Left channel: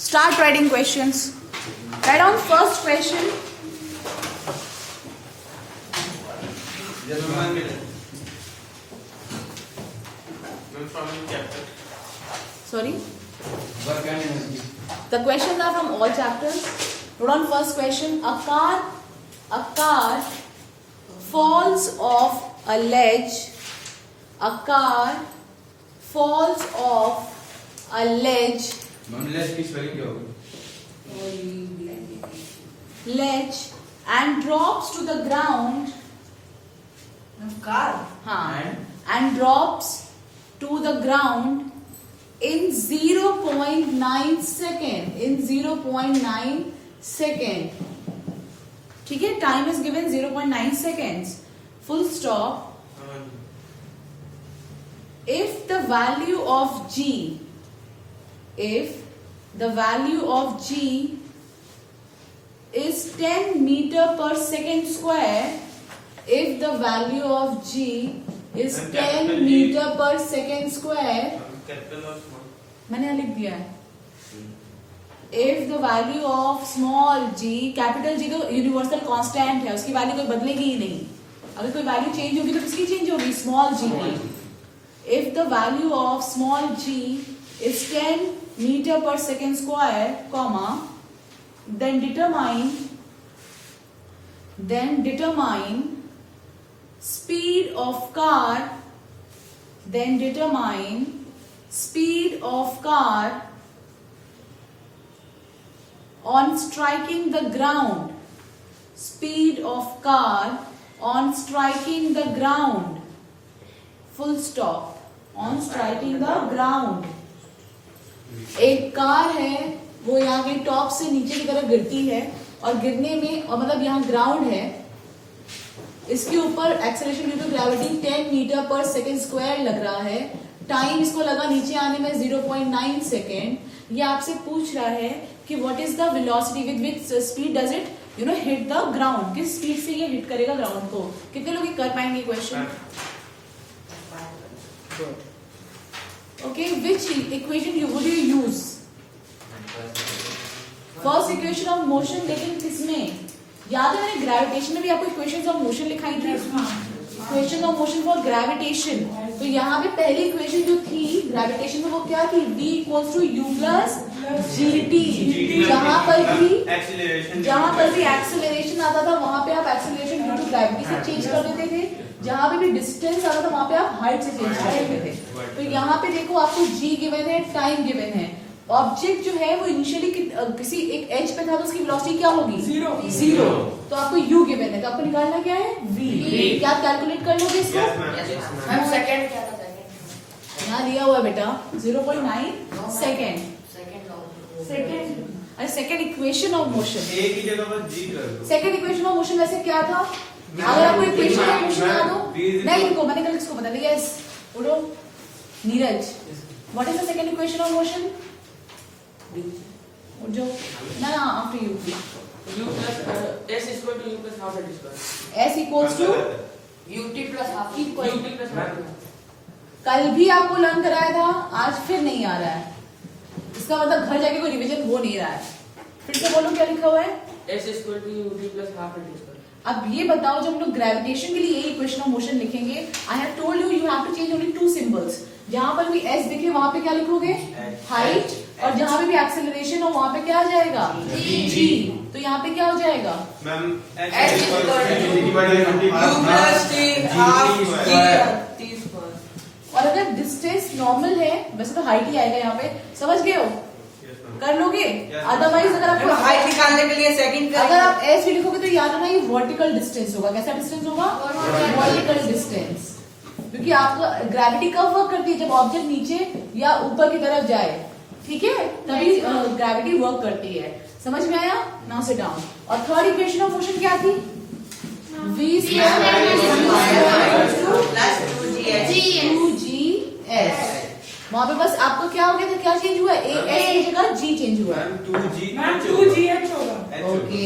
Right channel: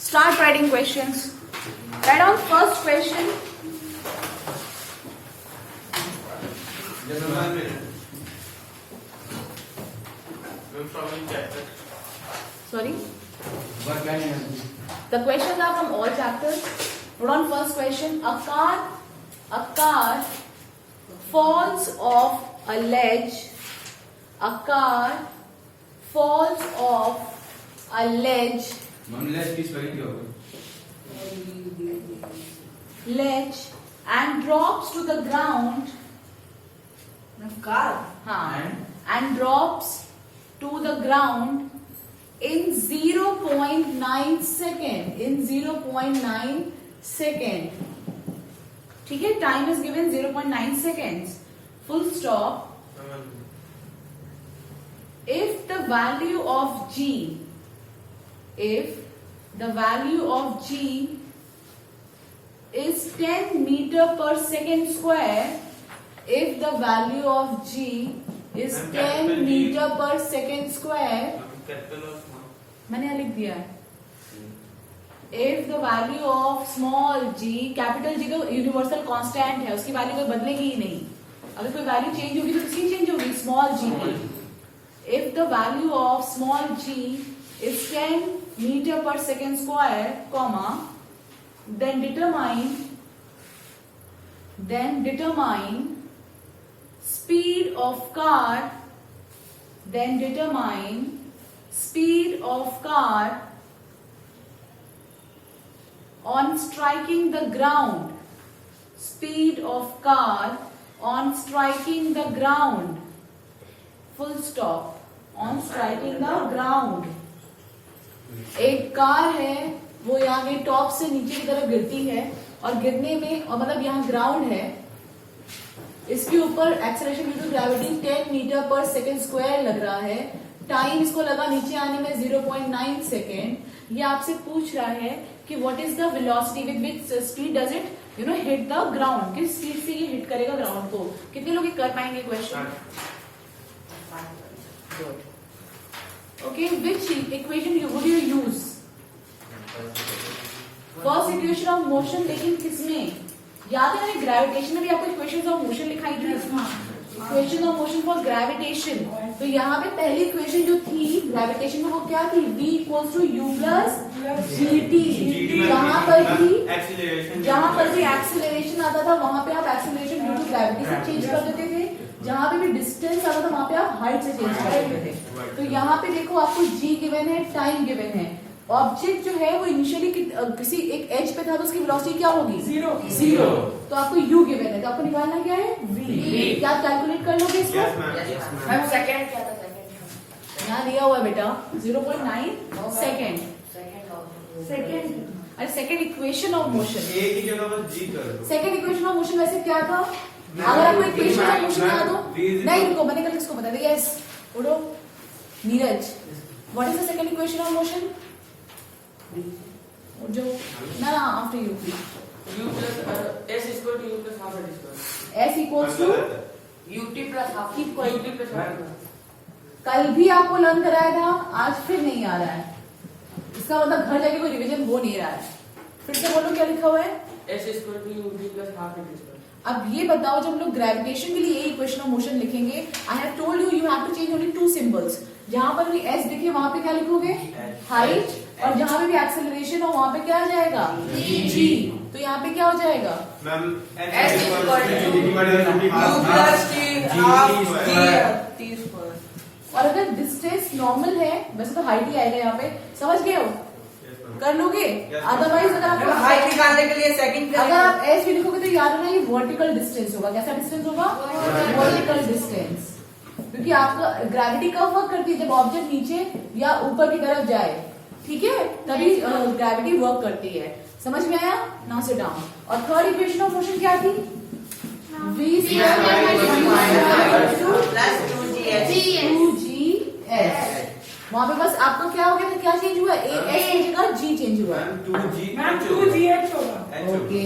Start writing questions. Write down first question. Sorry? The questions are from all chapters. Note down first question. A car falls off a ledge. A car falls off a ledge. Ledge and drops to the ground. car And drops to the ground in 0.9 second. In 0.9 second. ठीक है, time is given 0.9 seconds. Full stop. If the value of G is 10 meter per second square, if the value of G is 10 meter per second square, मैंने यहाँ लिख दिया है. If the value of small g, capital G तो universal constant है, उसकी value कोई बदलेगी ही नहीं. अगर कोई वैल्यू चेंज होगी तो किसकी चेंज होगी? स्मॉल g की. If the value of small g is 10 meter per second square, comma, then determine speed of car. Then determine speed of car on striking the ground. Speed of car on striking the ground. Full stop. On striking the ground. एक car है, वो यहाँ के top से नीचे की तरफ गिरती है और गिरने में, और मतलब यहाँ ग्राउंड है, इसके ऊपर acceleration due to gravity 10 metre पर सेकेंड स्क्वायर लग रहा है. टाइम इसको लगा नीचे आने में 0.9 सेकेंड. ये आपसे पूछ रहा है कि what is the velocity with which speed does it hit the ground. किस स्पीड से ये हिट करेगा ग्राउंड को. कितने लोग कर पाएंगे question? Okay, which equation would you use? First equation of motion. लेकिन किसमें याद है, मैंने ग्रेविटेशन में भी आपको इक्वेशंस ऑफ मोशन लिखाई थी. Equation of motion for gravitation. तो यहाँ पे पहली इक्वेशन जो थी ग्रेविटेशन में वो क्या थी? V equals to U plus GT. जहां पर भी एक्सेलरेशन आता था वहां पे आप एक्सेलरेशन ड्यू टू ग्रेविटी से चेंज कर देते थे. जहां पे भी डिस्टेंस आता था वहां पे आप हाइट से चेंज कर देते थे. तो यहाँ पे देखो आपको G गिवन है, टाइम गिवन है. ऑब्जेक्ट जो है वो इनिशियली किसी एक एज पे था तो उसकी वेलोसिटी क्या होगी? जीरो. तो आपको U गिवन है, तो आपको निकालना क्या है? V. क्या कैलकुलेट कर लोगे इसको? सेकंड क्या था? यहाँ दिया हुआ बेटा 0.9 सेकेंड. अरे सेकेंड इक्वेशन ऑफ मोशन. एक ही जगह पर G कर दो. सेकेंड इक्वेशन ऑफ मोशन वैसे क्या था? अगर आपको इक्वेशन ऑफ मोशन बता दो. नहीं रुको, मैंने कल इसको बता दिया. यस उड़ो Neeraj. What is the second equation of motion? जो ना after you. U plus S is equal to U plus half that is equal. S equals to UT plus half. UT plus half. कल भी आपको learn कराया था, आज फिर नहीं आ रहा है. इसका मतलब घर जाके कोई रिवीजन हो नहीं रहा है. फिर से बोलो क्या लिखा हुआ है? S is equal to UT plus half that is equal. अब ये बताओ, जब हम लोग ग्रेविटेशन के लिए ये इक्वेशन ऑफ मोशन लिखेंगे, I have told you have to change only 2 symbols. जहां पर भी s दिखे वहां पे क्या लिखोगे? हाइट. और जहां पे भी एक्सेलरेशन हो वहां पे क्या आ जाएगा? g. तो यहाँ पे क्या हो जाएगा? Ma'am S is equal to U plus T half T square. और अगर डिस्टेंस नॉर्मल है, वैसे तो हाइट ही आएगा यहाँ पे, समझ गए हो? कर लोगे? अदरवाइज अगर आपको हाइट निकालने के लिए सेकंड अगर आप एस भी लिखोगे तो याद रखना ये वर्टिकल डिस्टेंस होगा. कैसा डिस्टेंस होगा? Vertical distance. क्योंकि आपका ग्रेविटी कब वर्क करती है? जब ऑब्जेक्ट नीचे या ऊपर की तरफ जाए, ठीक है, तभी ग्रेविटी वर्क करती है. समझ में आया? Now sit down. और थर्ड इक्वेशन ऑफ मोशन क्या थी? V +2GS. वहां पे बस आपको क्या हो गया था? क्या चेंज हुआ? A S की जगह G चेंज हुआ. 2GH होगा. Okay,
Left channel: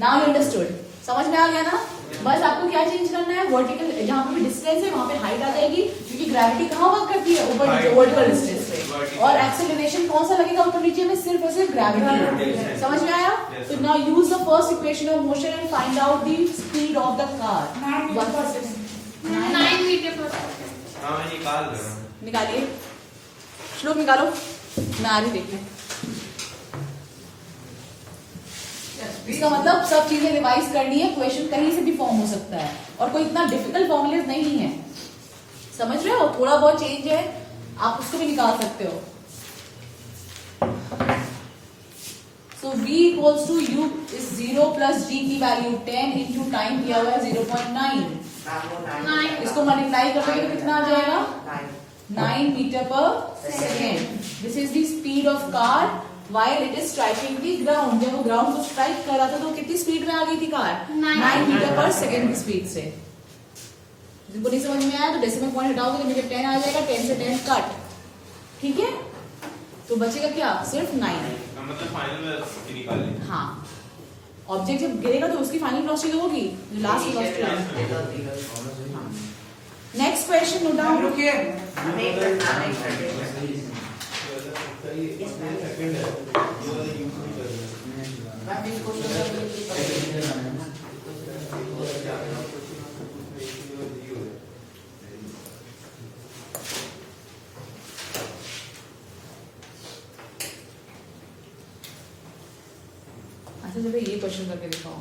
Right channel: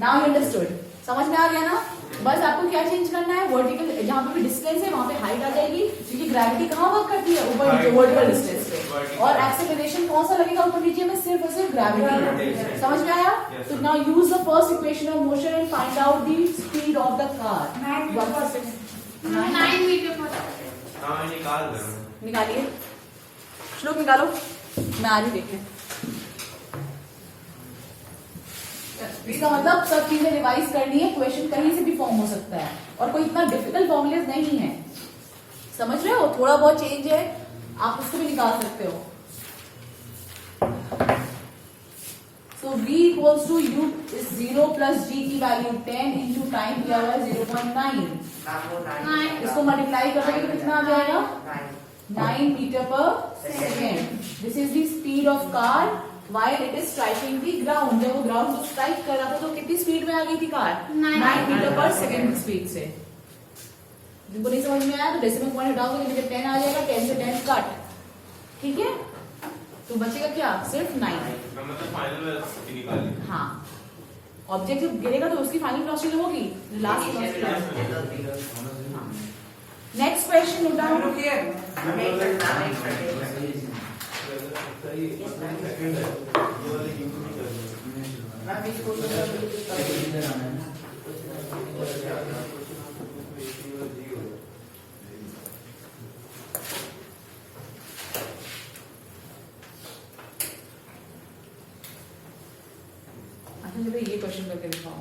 now you understood. समझ में आ गया ना? बस आपको क्या चेंज करना है? वर्टिकल, जहां पे भी डिस्टेंस है वहां पे हाइट आ जाएगी, क्योंकि ग्रेविटी कहाँ वर्क करती है? ऊपर नीचे वर्टिकल डिस्टेंस पे. और एक्सेलरेशन कौन सा लगेगा ऊपर नीचे में? सिर्फ और सिर्फ ग्रेविटी। समझ में आया? तो now use the first equation of motion and find out the speed of the car. 9 metre पर सेकंड। हाँ मैं निकाल रहा हूँ। निकालिए, श्लोक निकालो, मैं आ रही देखने। इसका मतलब सब चीजें रिवाइज करनी है, क्वेश्चन कहीं से भी फॉर्म हो सकता है और कोई इतना डिफिकल्ट फॉर्मूलेज नहीं है, समझ रहे हो? थोड़ा बहुत चेंज है, आप उसको भी निकाल सकते हो। So v equals to u is 0 plus g की वैल्यू 10 इंटू टाइम दिया हुआ है 0.9। इसको मल्टीप्लाई करोगे तो कितना आ जाएगा? 9 मीटर पर second. This is the speed of car while it is striking the ground। जब वो ग्राउंड को स्ट्राइक कर रहा था तो कितनी स्पीड में आ गई थी कार? 9 मीटर पर सेकेंड की स्पीड से। जिनको नहीं समझ में आया तो डेसिमल पॉइंट हटाओगे तो मुझे 10 आ जाएगा, 10 से 10 कट, ठीक है? तो बचेगा क्या? सिर्फ 9। मतलब फाइनल वेलोसिटी निकाली। हाँ, ऑब्जेक्ट जब गिरेगा तो उसकी फाइनल वेलोसिटी होगी last velocity. Next question note down. अच्छा चलो ये क्वेश्चन करके दिखाओ।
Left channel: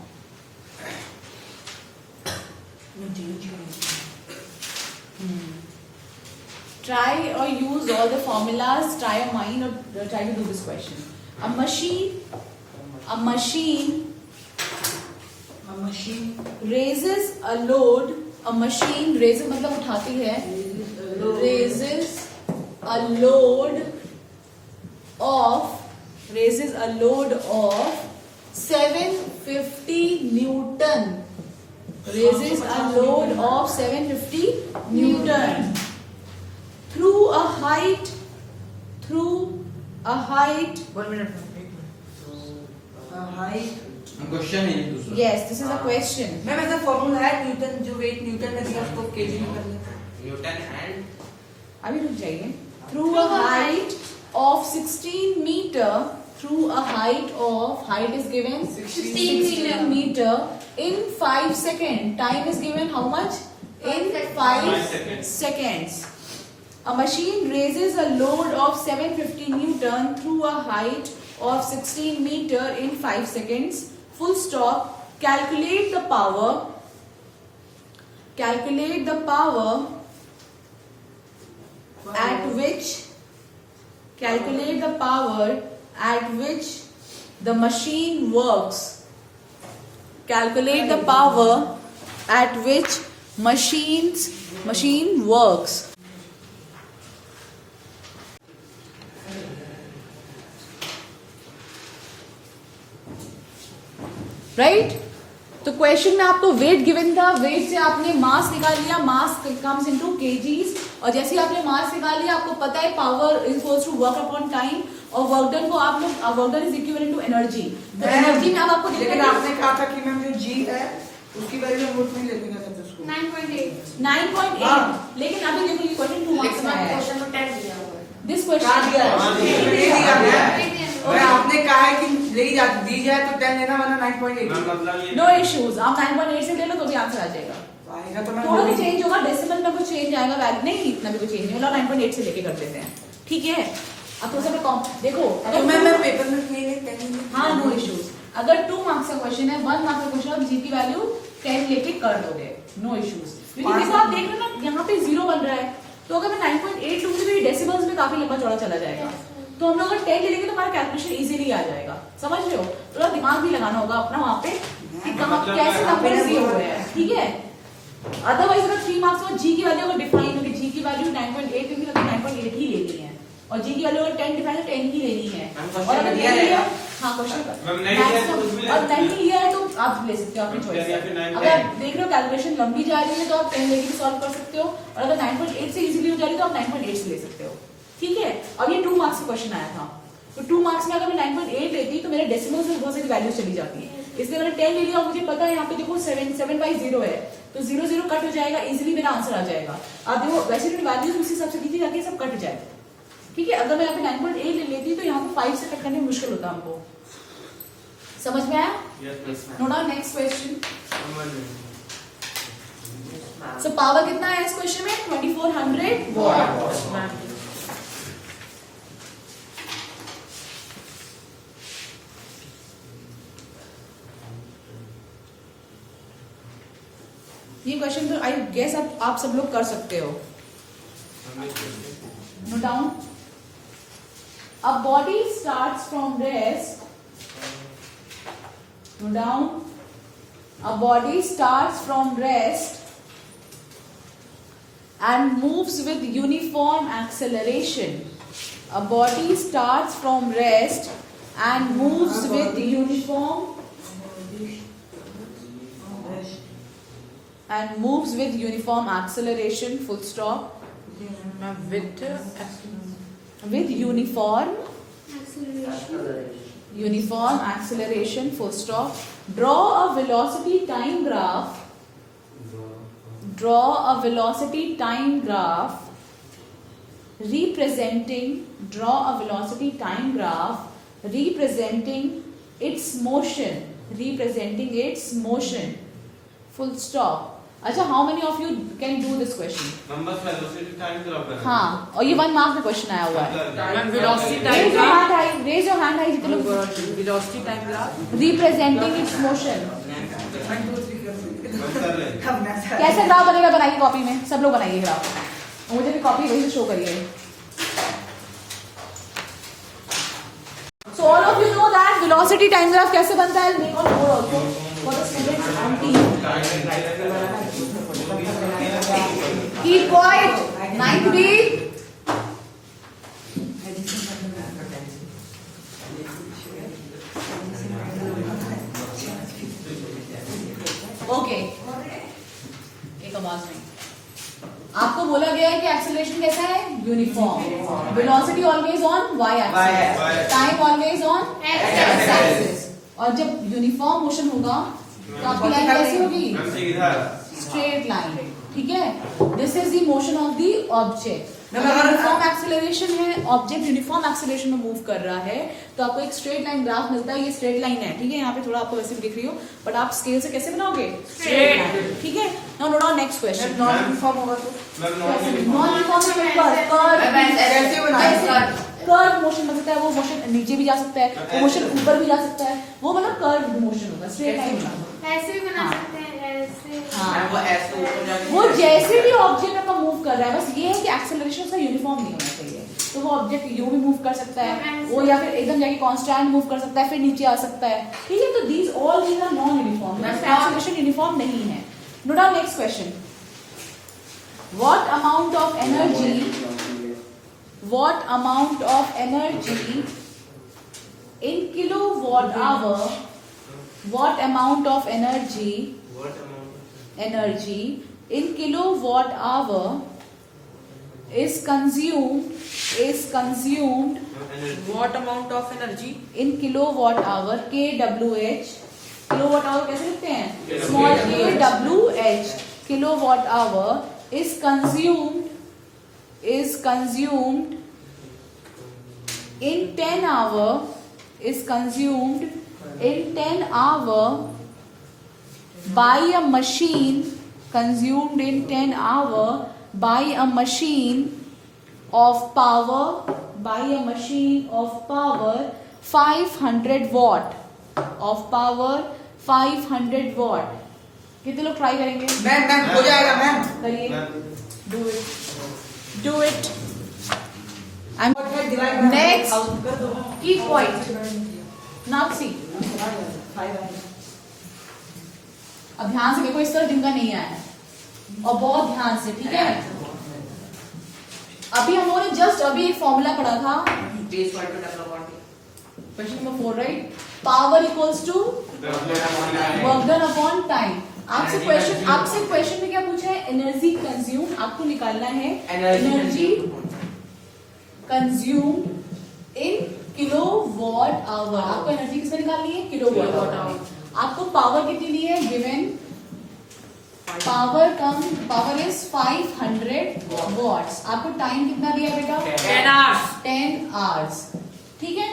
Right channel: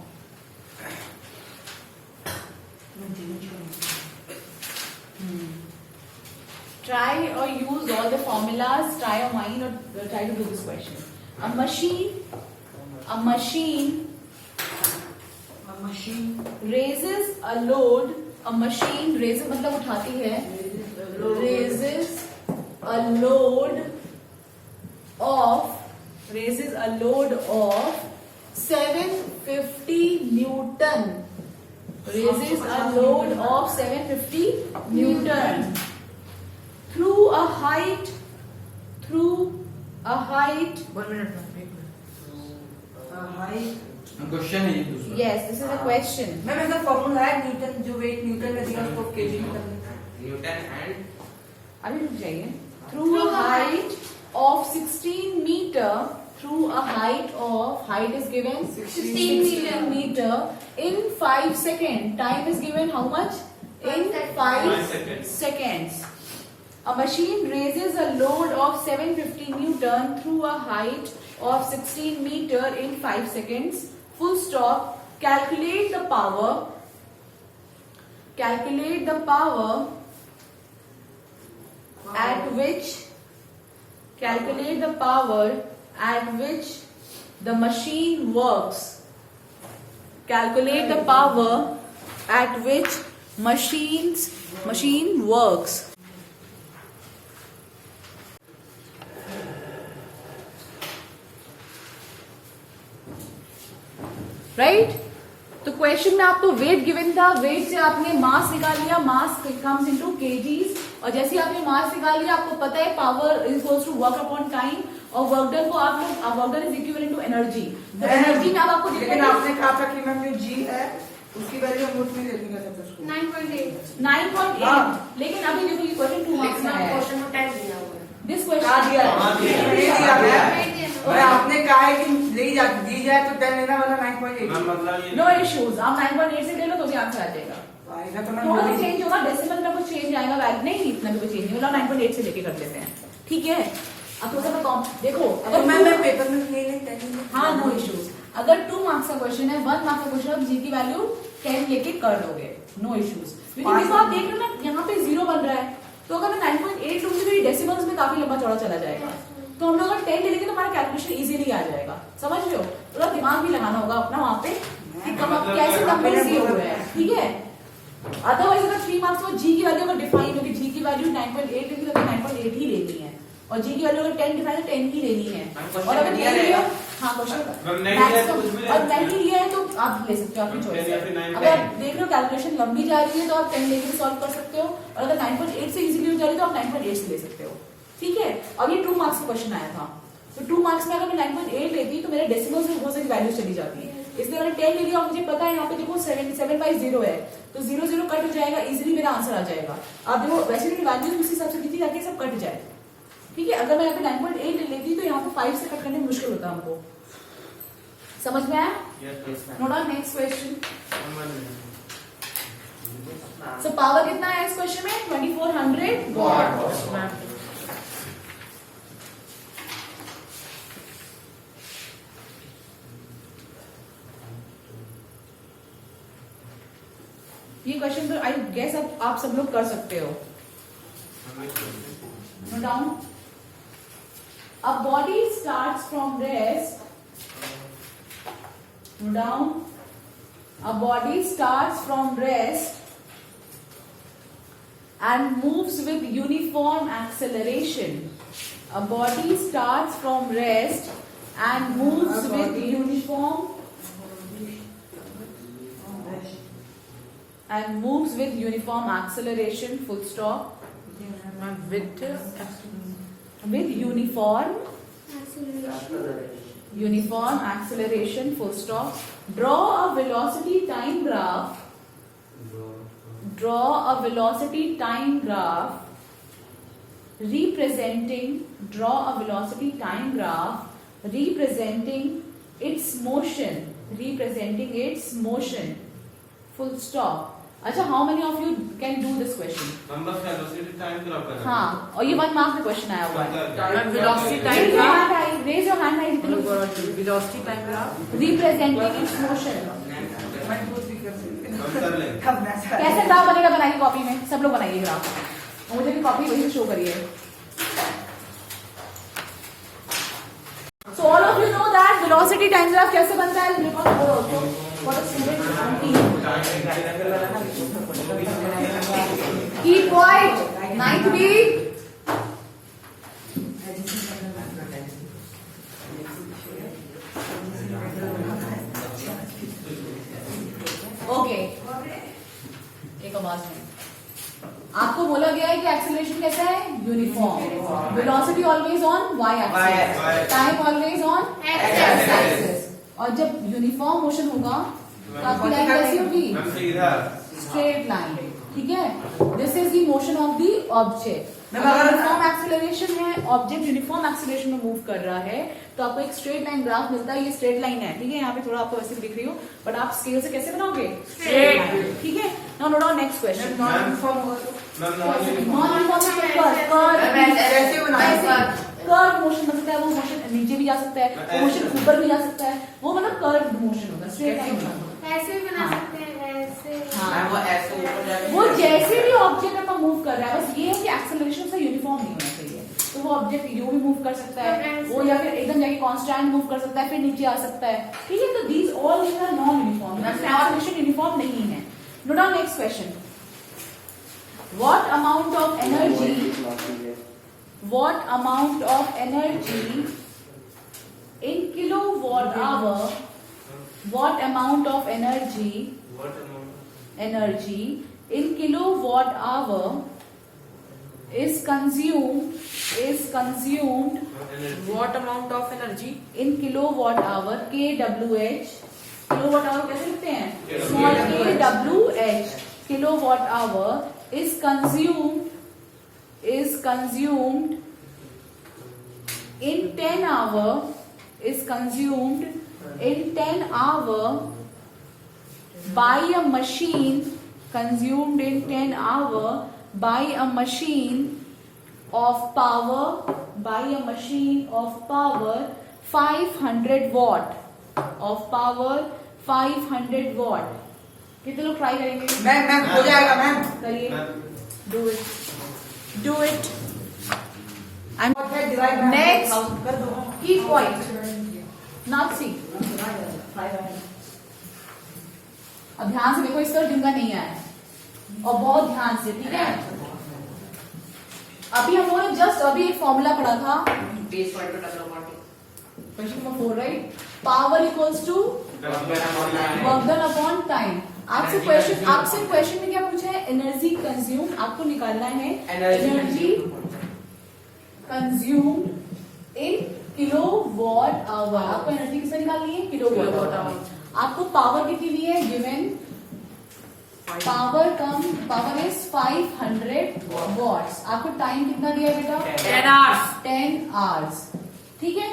Try or use all the formulas, try your mind or try to do this question. A machine raises a load. A machine raises मतलब उठाती है, raises a load of 750 Newton. Raises a load of 750 Newton through a height 1 minute question है ये दूसरा। yes this is a question ma'am ऐसा formula है Newton, जो wait Newton में दिया उसको केजी में करना। न्यूटन एंड अभी रुक जाइए। through a height of 16 meter through a height is given 16 meter in 5 seconds. Time is given how much? In 5 seconds. A machine raises a load of 750 Newton through a height of 16 meter in 5 seconds. Full stop. Calculate the power at which the machine works. Calculate the power at which machine works. Right? तो question में आपको wait given था, wait से आपने मास निकाल लिया, मास comes into KGs, और जैसे ही आपने मास निकाल लिया आपको पता है power is equals to work upon time, और वर्क डन को आप लोग work done is equivalent to energy. तो एनर्जी में अब आपको लेकिन आपने कहा था कि मैम जो जी है उसकी वैल्यू हम उसमें ले लेंगे सब उसको 9.8। लेकिन अभी देखो ये क्वेश्चन 2 मार्क्स में आया है। दिस क्या दिया क्वेश्चन है? और आपने कहा है कि दी जाए तो 10 लेना वाला 9.8। मतलब ये नो इश्यूज, आप 9.8 से ले लो तो भी आंसर आ जाएगा। आएगा तो थोड़ा मैं चेंज होगा, डेसिमल में कुछ चेंज आएगा, वैल्यू नहीं इतना भी कुछ चेंज नहीं होगा। 9.8 से लेके कर लेते हैं, ठीक है? अब थोड़ा सा देखो तो मैं पेपर में नहीं हाँ नो इश्यूज। अगर 2 मार्क्स का क्वेश्चन है, 1 मार्क्स का क्वेश्चन, आप जी की वैल्यू 10 लेके कर दोगे, नो इश्यूज। लेकिन देखो आप देख रहे हो ना यहाँ पे 0 बन रहा है, तो अगर मैं 9.8 लूंगी तो ये डेसिमल्स में काफी लंबा चौड़ा चला जाएगा। तो हम लोग अगर 10 ले लेंगे तो हमारा कैलकुलेशन इजीली आ जाएगा, समझ रहे हो? थोड़ा दिमाग भी लगाना होगा अपना वहाँ पे कि कैसे नंबर्स दिए हुए हैं, ठीक है? अदरवाइज अगर 3 मार्क्स में जी की वैल्यू अगर डिफाइन होगी, जी की वैल्यू 9.8 होगी तो 9.8 ही लेनी है, और जी की वैल्यू अगर 10 डिफाइन 10 ही लेनी है। और अगर 10 लिया, हाँ क्वेश्चन नहीं लिया है तो आप ले सकते हो, आपकी चॉइस है। अगर आप देख रहे हो कैलकुलेशन लंबी जा रही है तो आप 10 लेके भी सॉल्व कर सकते हो, और अगर 9.8 से इजीली हो जा रही है तो आप 9.8 से ले सकते हो, ठीक है? और ये 2 मार्क्स का क्वेश्चन आया था, तो 2 मार्क्स में अगर मैं 9.8 लेती तो मेरे डेसिमल्स में बहुत सारी वैल्यूज चली जाती है, इसलिए मैंने 10 ले लिया। और मुझे पता है यहाँ पे देखो 7/0 है, तो 0 कट हो जाएगा, इजीली मेरा आंसर आ जाएगा। आप देखो वैसे भी वैल्यूज उसी हिसाब से दी जाती है, सब कट जाए, ठीक है, अगर मैं यहाँ पे 9.8 ले लेती तो यहाँ पे 5 से कट करने में मुश्किल होता हमको। समझ में आया? Note down next question. So power कितना है इस क्वेश्चन में? 2400 वॉट। ये क्वेश्चन तो आई गेस आप सब लोग कर सकते हो। Note down. A body starts from rest. Note down. A body starts from rest and moves with uniform acceleration. A body starts from rest and moves with uniform acceleration. Full stop. With uniform acceleration, full stop. Draw a velocity time graph representing its motion, full stop. अच्छा, how many of you can do this question? Number velocity time graph करना। हाँ, और ये 1 mark का question आया हुआ है। Velocity time graph, raise your hand rise. Velocity time graph representing its motion. कैसे ग्राफ बनेगा? बनाइए कॉपी में, सब लोग बनाइए ग्राफ। मुझे भी कॉपी वही शो करिए। So all of you know that velocity time graph कैसे बनता है? मेरे को बोलो तो for the students on team. Keep quiet. 9th B. Okay. एक आवाज नहीं। आपको बोला गया है कि एक्सेलरेशन कैसा है? Uniform. Velocity always on y axis, time always on x axis. और जब यूनिफॉर्म मोशन होगा तो आपकी लाइन कैसी होगी? Straight line. ठीक है, this is the motion of the object. अगर यूनिफॉर्म एक्सेलरेशन है, ऑब्जेक्ट यूनिफॉर्म एक्सेलरेशन में मूव कर रहा है तो आपको एक स्ट्रेट लाइन ग्राफ मिलता है। ये स्ट्रेट लाइन है, ठीक है। यहाँ पे थोड़ा आपको वैसे भी दिख रही हो, बट आप स्केल से कैसे बनाओगे? स्ट्रेट। ठीक है, now note down next question. Non uniform होगा तो कर्व मोशन बन सकता है। वो मोशन नीचे भी जा सकता है, वो मोशन ऊपर भी जा सकता है। वो मतलब कर्व मोशन होता है, स्ट्रेट लाइन। ऐसे भी बना सकते हैं, ऐसे। मैं वो ऐसे ऊपर जाके वो जैसे भी ऑब्जेक्ट आपका मूव कर रहा है, बस ये है कि एक्सेलरेशन उसका यूनिफॉर्म नहीं होना चाहिए। तो वो ऑब्जेक्ट यू भी मूव कर सकता है, वो या फिर एकदम जाके कांस्टेंट मूव कर सकता है, फिर नीचे आ सकता है। ठीक है, तो these all these are non uniform. Acceleration uniform नहीं है। Note down next question. What amount of energy in kilowatt hour? What amount of energy in kilowatt hour is consumed What amount of energy in kilowatt hour? kWh, kilowatt hour कैसे लिखते हैं? Small kWh, kilowatt hour is consumed in 10 hour by a machine, consumed in 10 hour by a machine of power 500 watt, कितने लोग try करेंगे? Ma'am हो जाएगा ma'am. करिए, do it. Next की पॉइंट नाउ सी। अब ध्यान से देखो, इस तरह जिनका नहीं आया है, और बहुत ध्यान से, ठीक है। अभी हम लोगों ने जस्ट अभी एक फॉर्मूला पढ़ा था, question number 4, right? Power equals to work done upon time. आपसे क्वेश्चन में क्या पूछा है? Energy consume. आपको निकालना है energy consume in kilowatt hour. आपको एनर्जी किसमें निकालनी है? Kilowatt hour. आपको पावर कितनी दी है? Given power is 500 watts. आपको टाइम कितना दिया है बेटा? 10 hours. 10 आवर्स। ठीक है,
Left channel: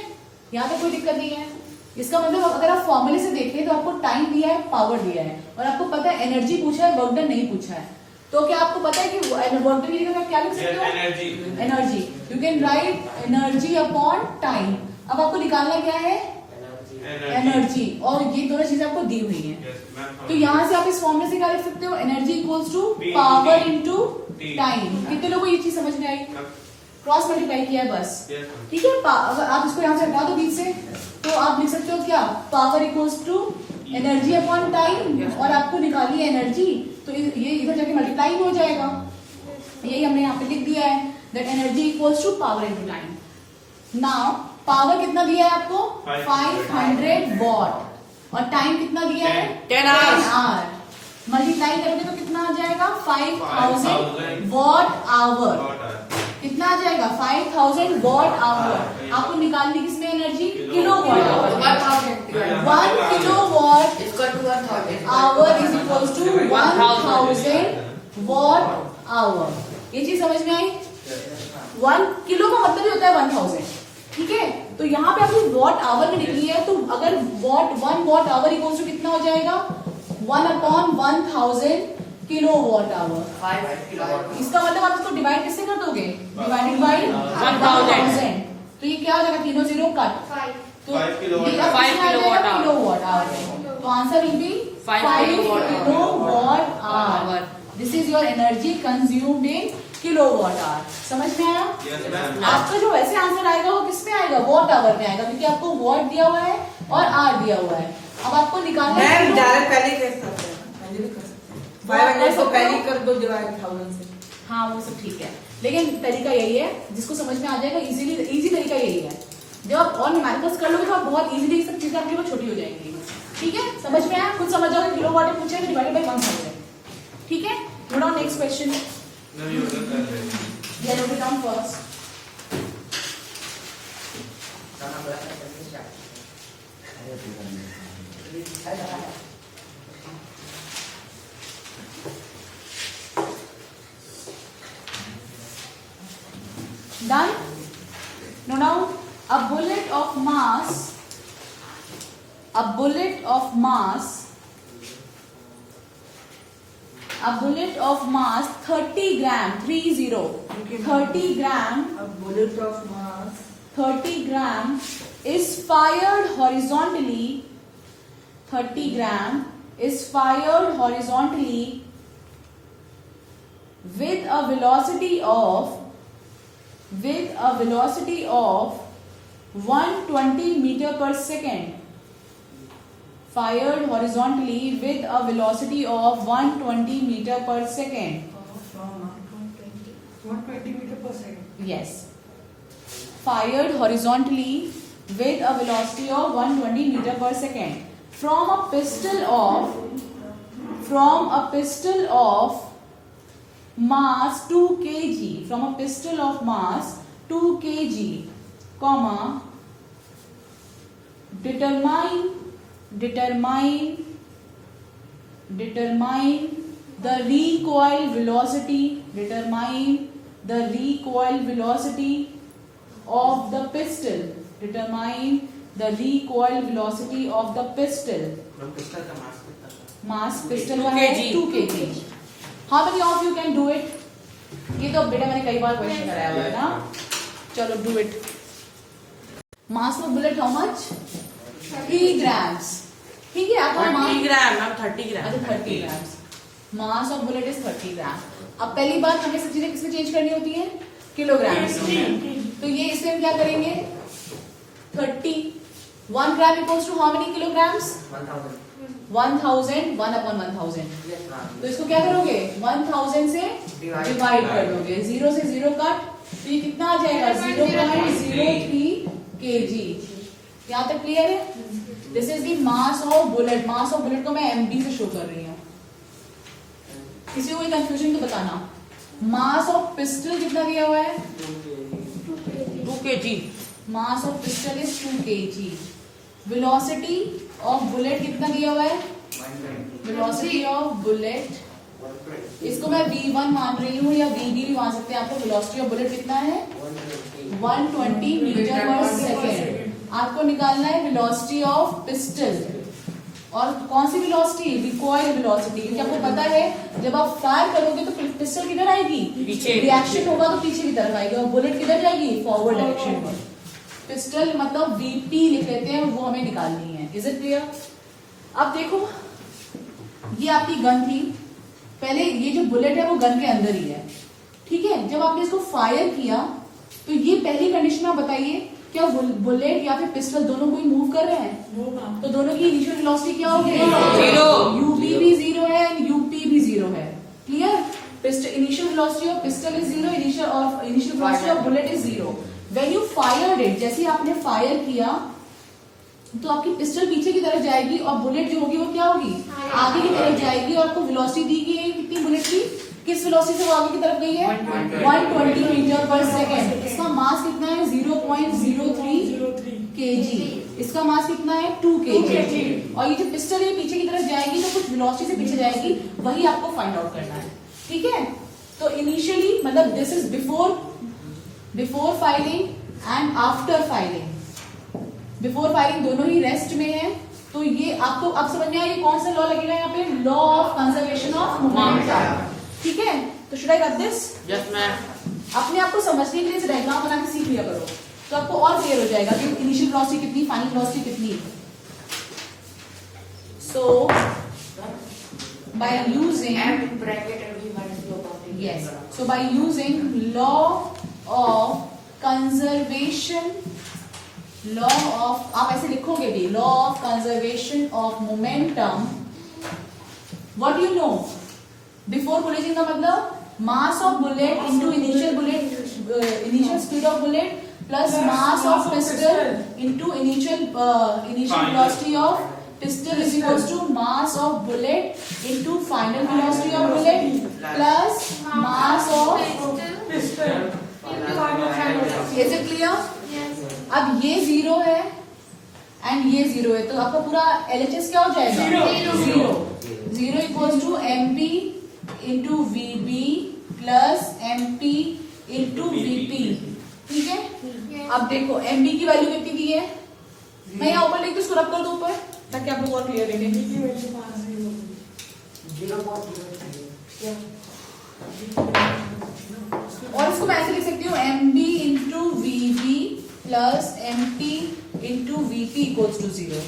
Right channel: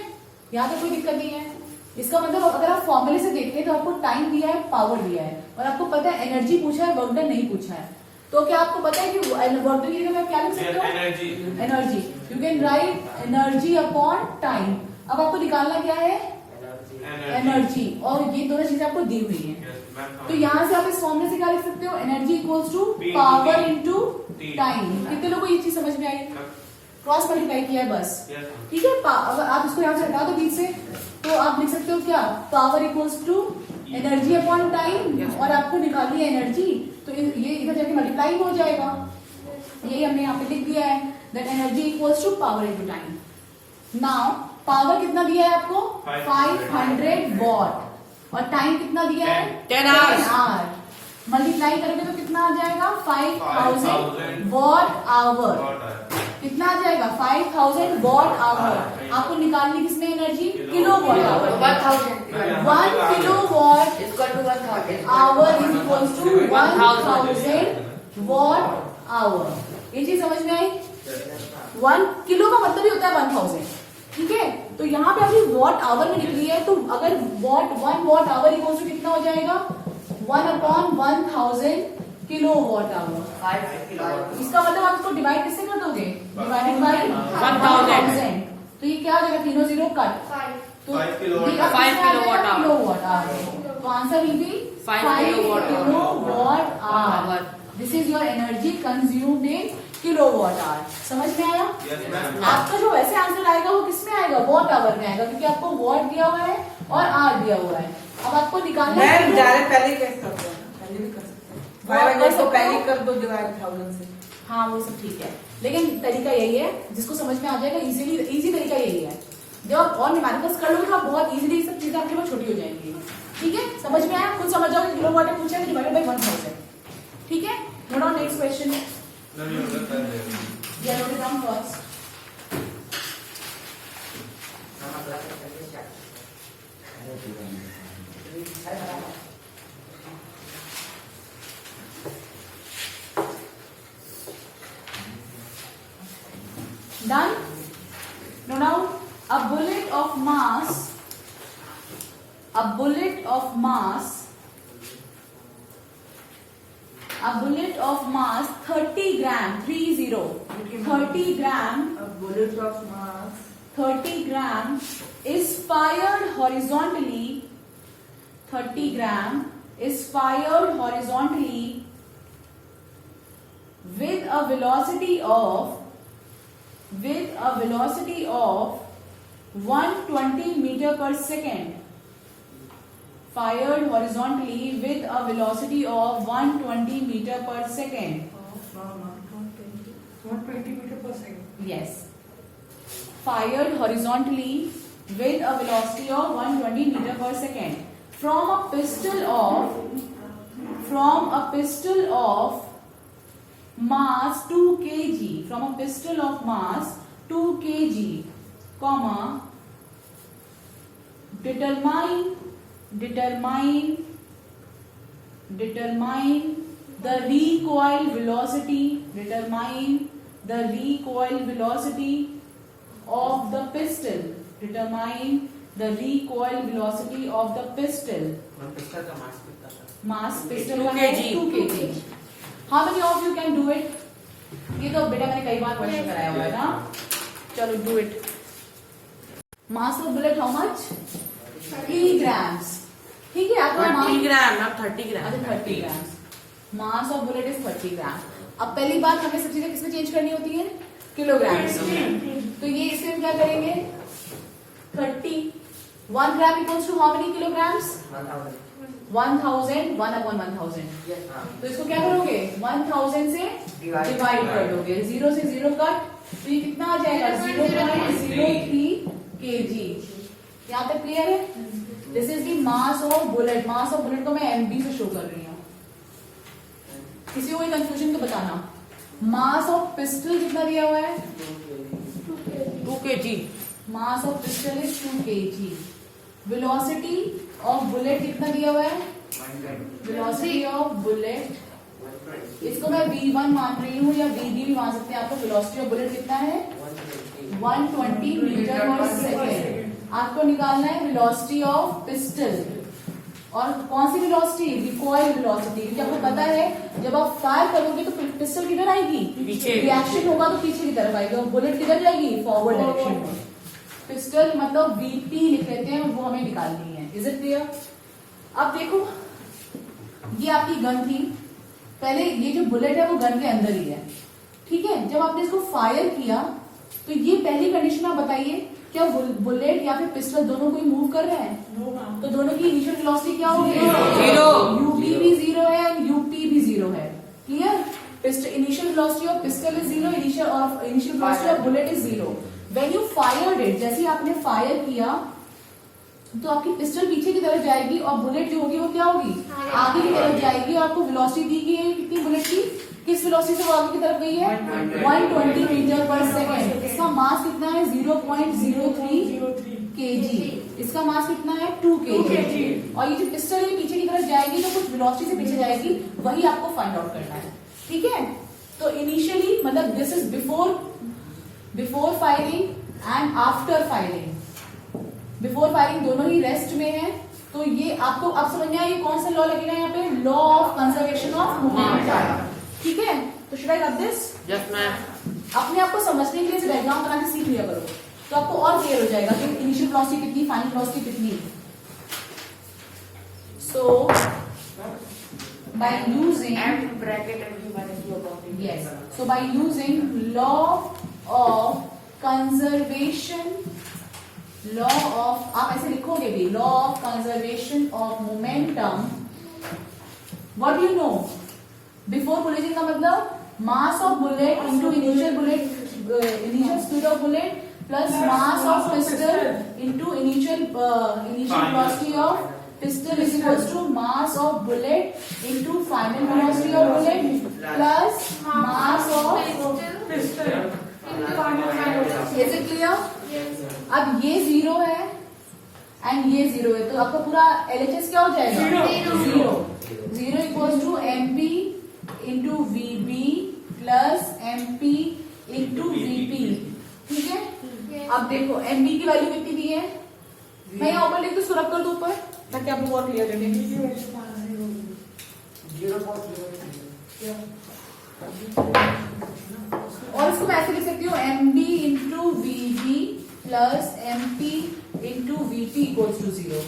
यहाँ पे कोई दिक्कत नहीं है। इसका मतलब अगर आप फॉर्मूले से देखें तो आपको टाइम दिया है, पावर दिया है, और आपको पता है एनर्जी पूछा है, वर्क डन नहीं पूछा है। तो क्या आपको पता है कि वर्क डन की जगह आप क्या लिख सकते हो? Energy. Energy. You can write energy upon time. अब आपको निकालना क्या है? एनर्जी। और ये दोनों चीजें आपको दी हुई है। तो यहाँ से आप इस फॉर्मूले से क्या लिख सकते हो? Energy equals to power into time. कितने लोगों को ये चीज समझ में आई? क्रॉस मल्टीप्लाई किया है बस। ठीक है, अगर आप इसको यहाँ से हटा दो बीच से, तो आप लिख सकते हो क्या? Power equals to energy upon time, और आपको निकाली है एनर्जी, तो ये इधर जाके मल्टीप्लाई हो जाएगा। यही हमने यहाँ पे लिख दिया है, that energy equals to power into time. Now power कितना दिया है आपको? 500 वॉट, और टाइम कितना दिया है? 10 hours. आवर। मल्टीप्लाई करोगे तो कितना आ जाएगा? 5000 वॉट आवर। कितना आ जाएगा? 5000 वॉट आवर। आपको निकालनी किसमें energy? Kilo watt. 1 kilo watt Equal to 1000. Hour is equal to 1000 watt hour. ये चीज समझ में आई? 1 किलो का मतलब ही होता है 1000। ठीक है, तो यहाँ पे आपने वॉट आवर में निकली है, तो अगर 1 वॉट आवर इक्वल टू कितना हो जाएगा? 1/1000 किलो वॉट आवर। 5 इसका मतलब आप इसको डिवाइड किससे कर दोगे? Divided by 1000। तो ये क्या हो जाएगा? तीनों जीरो कट। 5. तो 5 किलोवाट। ये अब 5 कितना आ जाएगा? Kilowatt hour. Kilowatt hour. तो answer will be 5 kilowatt hour. This is your energy consumed in kilowatt hour. समझ में आया? आपका जो वैसे आंसर आएगा वो किसमें आएगा? वॉट आवर में आएगा, क्योंकि आपको वॉट दिया हुआ है और आर दिया हुआ है। अब आपको निकालना है मैम किलो- डायरेक्ट पहले ही कर सकते हैं, पहले भी कर सकते हैं। वो आप कर को सकते पहले हो। ही कर दो डिवाइड 1000 से। हाँ, वो सब ठीक है, लेकिन तरीका यही है, जिसको समझ में आ जाएगा इजी तरीका यही है। जब आप और न्यूमेरिकल्स कर लोगे तो आप बहुत इजीली सब चीजें आपके लिए छोटी हो जाएंगी। ठीक है, समझ में आया? खुद समझ जाओगे किलोवाट में पूछा है डिवाइडेड बाय 1000। ठीक है, नोट डाउन नेक्स्ट क्वेश्चन। या note it down first. Done? Now, a bullet of mass 30 gram, 30 gram, A bullet of mass 30 gram is fired horizontally. 30 gram is fired horizontally with a velocity of 120 meter per second. Fired horizontally with a velocity of 120 meter per second. from 120 meter per second. Yes. Fired horizontally with a velocity of 120 meter per second from a pistol of mass 2 kg. From a pistol of mass 2 kg, comma, determine the recoil velocity. Determine the recoil velocity of the pistol. Determine the recoil velocity of the pistol. Mass pistol 2 का है kg. 2 kg. How many of you can do it? ये तो बेटा मैंने कई बार question कराया हुआ है ना. चलो do it. Mass of bullet how much? 3 grams. ठीक है, आपका 30 ग्राम मैम 30 ग्राम। अच्छा 30 grams. Mass of bullet is 30 grams. अब पहली बात हमें सब चीजें किसमें चेंज करनी होती है? किलोग्राम्स में. तो ये इसमें हम क्या करेंगे? 30. 1 gram equals to how many kilograms? 1000. 1/1000. तो इसको क्या करोगे? 1000 से डिवाइड कर दोगे. 0 से 0 कट, तो ये कितना आ जाएगा? 0.03 kg. यहाँ तक क्लियर है? This is the mass of bullet. Mass of bullet को मैं एमबी से शो कर रही हूँ. किसी को कोई कंफ्यूजन तो बताना. मास ऑफ पिस्टल कितना दिया हुआ है? 2 kg. Mass of pistil is 2 kg. Velocity of bullet कितना दिया हुआ है? वेलोसिटी ऑफ बुलेट इसको मैं V1 मान रही हूँ या VB भी मान सकते हैं। आपको वेलोसिटी ऑफ बुलेट कितना है? 120 मीटर पर सेकेंड। आपको निकालना है वेलोसिटी ऑफ पिस्टल। और कौन सी वेलोसिटी? Recoil velocity. क्योंकि आपको पता है जब आप फायर करोगे तो पिस्टल किधर आएगी? पीछे। रिएक्शन होगा तो पीछे की तरफ आएगी और बुलेट किधर जाएगी? फॉरवर्ड डायरेक्शन में। पिस्टल मतलब VP लिख लेते हैं, वो हमें निकालनी है। Is it clear? अब देखो, ये आपकी गन थी। पहले ये जो बुलेट है वो गन के अंदर ही है, ठीक है। जब आपने इसको फायर किया तो ये पहली कंडीशन आप बताइए, क्या बुलेट या फिर पिस्टल दोनों को ही मूव कर रहे हैं? तो दोनों की इनिशियल वेलोसिटी क्या होगी? 0। UB भी 0 है एंड UP भी 0 है। Clear? Initial velocity of pistil is 0, initial velocity of bullet is 0। When you fired it, जैसे ही आपने फायर किया तो आपकी पिस्टल पीछे की तरफ जाएगी और बुलेट जो होगी वो क्या होगी? आगे की तरफ जाएगी। और आपको वेलोसिटी दी गई है कितनी बुलेट की? किस वेलोसिटी से वो आगे की तरफ गई है? 120 मीटर पर सेकेंड। इसका मास कितना है? 0.03 kg। इसका मास कितना है? 2 kg। और ये जो पिस्टल है पीछे की तरफ जाएगी तो कुछ वेलोसिटी से पीछे जाएगी, वही आपको फाइंड आउट करना है, ठीक है। तो इनिशियली मतलब this is before firing and after firing. Before firing दोनों ही रेस्ट में है। तो ये आपको अब समझ में आया ये कौन सा लॉ लगेगा यहाँ पे? Law of conservation of momentum, ठीक है। तो should I got this? Yes ma'am. अपने आप को समझने के लिए इस डायग्राम बना के सीख लिया करो, तो आपको और क्लियर हो जाएगा कि इनिशियल वेलोसिटी कितनी, फाइनल वेलोसिटी कितनी है। So by using so by using law of conservation, law of, आप ऐसे लिखोगे भी, law of conservation of momentum, what do you know? Before collision का मतलब mass of bullet into initial speed of bullet plus mass of pistol into initial velocity of pistol is equals to mass of bullet into final velocity of bullet plus mass of pistol. Is it clear? Yes. अब ये 0 है and ये 0 है, तो आपका पूरा LHS क्या हो जाएगा? 0 equals to MP into VB plus MP into VP, ठीक है। Yes. अब देखो MB की वैल्यू कितनी दी है? मैं यहाँ ऊपर लिख दूं, इसको रब कर दो ऊपर ताकि आप लोग और क्लियर देखें। और इसको मैं ऐसे लिख सकती हूँ MB into VB plus MP into VP equals to 0।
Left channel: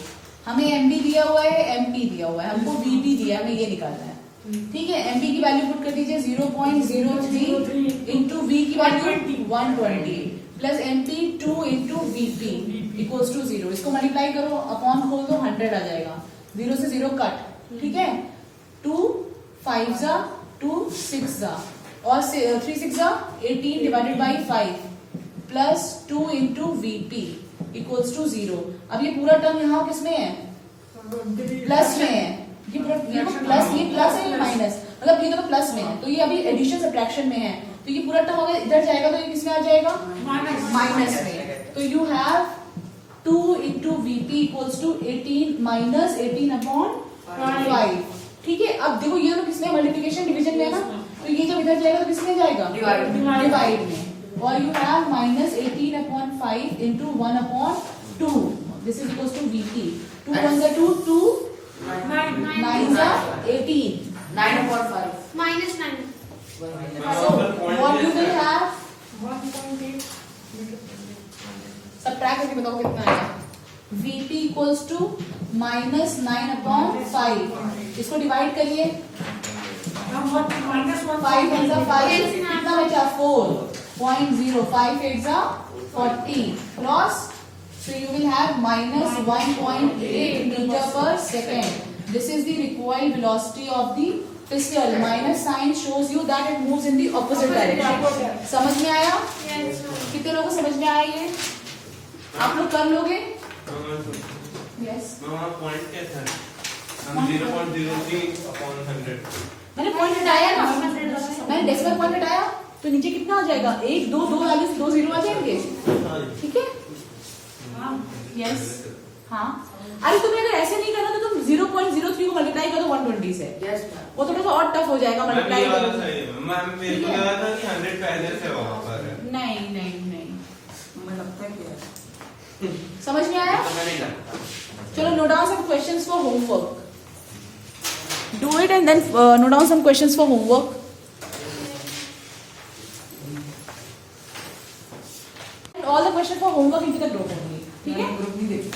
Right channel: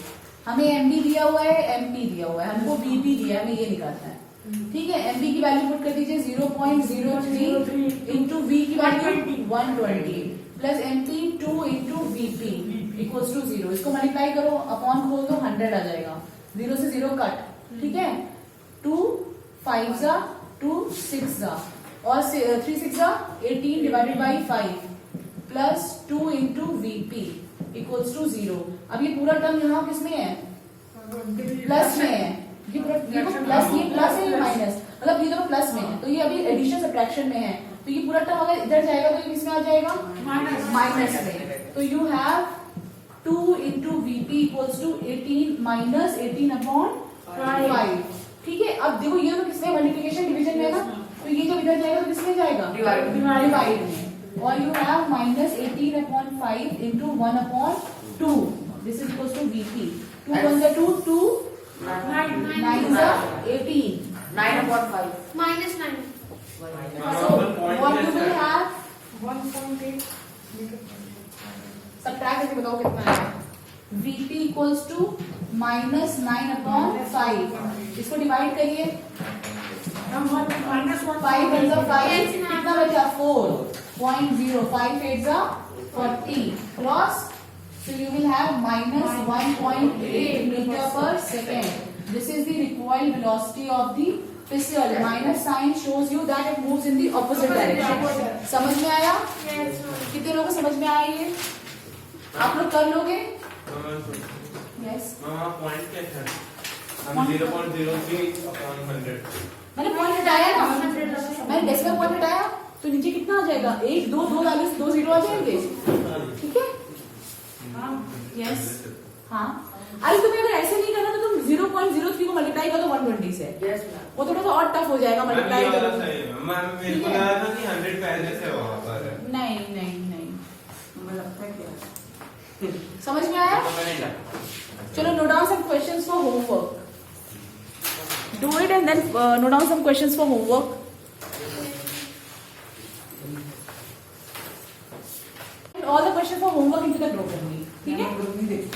हमें MB दिया हुआ है, MP दिया हुआ है, हमको VP दिया है, हमें ये निकालना है, ठीक है। MB की वैल्यू पुट कर दीजिए 0.03 इंटू V की value 120 plus MP 2 into VP equals to 0। इसको मल्टीप्लाई करो, अपॉन खोल दो, 100 आ जाएगा, 0 से 0 कट, ठीक है। 2 5 जा 2 6 जा और 3 6 जा 18 divided by 5 plus 2 into VP equals to 0। अब ये पूरा टर्म यहाँ किस में है? प्लस में है। ये पूरा प्लस, ये प्लस है या माइनस, मतलब ये दोनों प्लस में है, तो ये अभी एडिशन सब्ट्रैक्शन में है। तो ये पूरा टर्म अगर इधर जाएगा तो ये किस में आ जाएगा? माइनस में। तो you have 2 into VP equals to 18 minus 18 upon 5, ठीक है। अब देखो ये तो किसमें मल्टीप्लिकेशन डिवीजन में है ना, तो ये जब इधर जाएगा तो किसमें जाएगा? डिवाइड में। और you have minus 18 upon 5 into 1 upon 2, this is equals to VP। 2 1 जा 2, 2 9 जा 18, 9 upon 5. Minus 9. so what you will have? Subtract करके बताओ कितना आएगा? VP equals to minus 9 upon 5। इसको डिवाइड करिए, 5 वन जा 5, कितना बचा? 4.0, 5 8 जा 40 cross, so you will have minus 1.8 meter per second. This is the recoil velocity of the pistol. Minus sign shows you that it moves in the opposite direction. समझ में आया? Yes. कितने लोगों को समझ में आया ये? आप लोग कर लोगे? यस। पॉइंट क्या था? हम 0.03 upon 100। मैंने पॉइंट हटाया ना, मैंने डेसिमल पॉइंट हटाया तो नीचे कितना आ जाएगा? 1 2 2 वैल्यूज 2 0 आ जाएंगे, ठीक है। यस हाँ, अरे तुम्हें अगर ऐसे नहीं करना तो तुम 0.03 को मल्टीप्लाई करो तो 120 से। Yes, ma'am. वो थोड़ा सा और टफ हो जाएगा मैम मल्टीप्लाई ये वाला करो। सही है मैम, मेरे को लगा था कि 100 पहले से वहाँ पर है। नहीं नहीं नहीं, मुझे लगता है कि समझ में आया? तो मैं नहीं जानता। चलो note down some questions for homework. Do it and then note down some questions for homework. All the questions for homework into the group only. ठीक है? ग्रुप नहीं देखी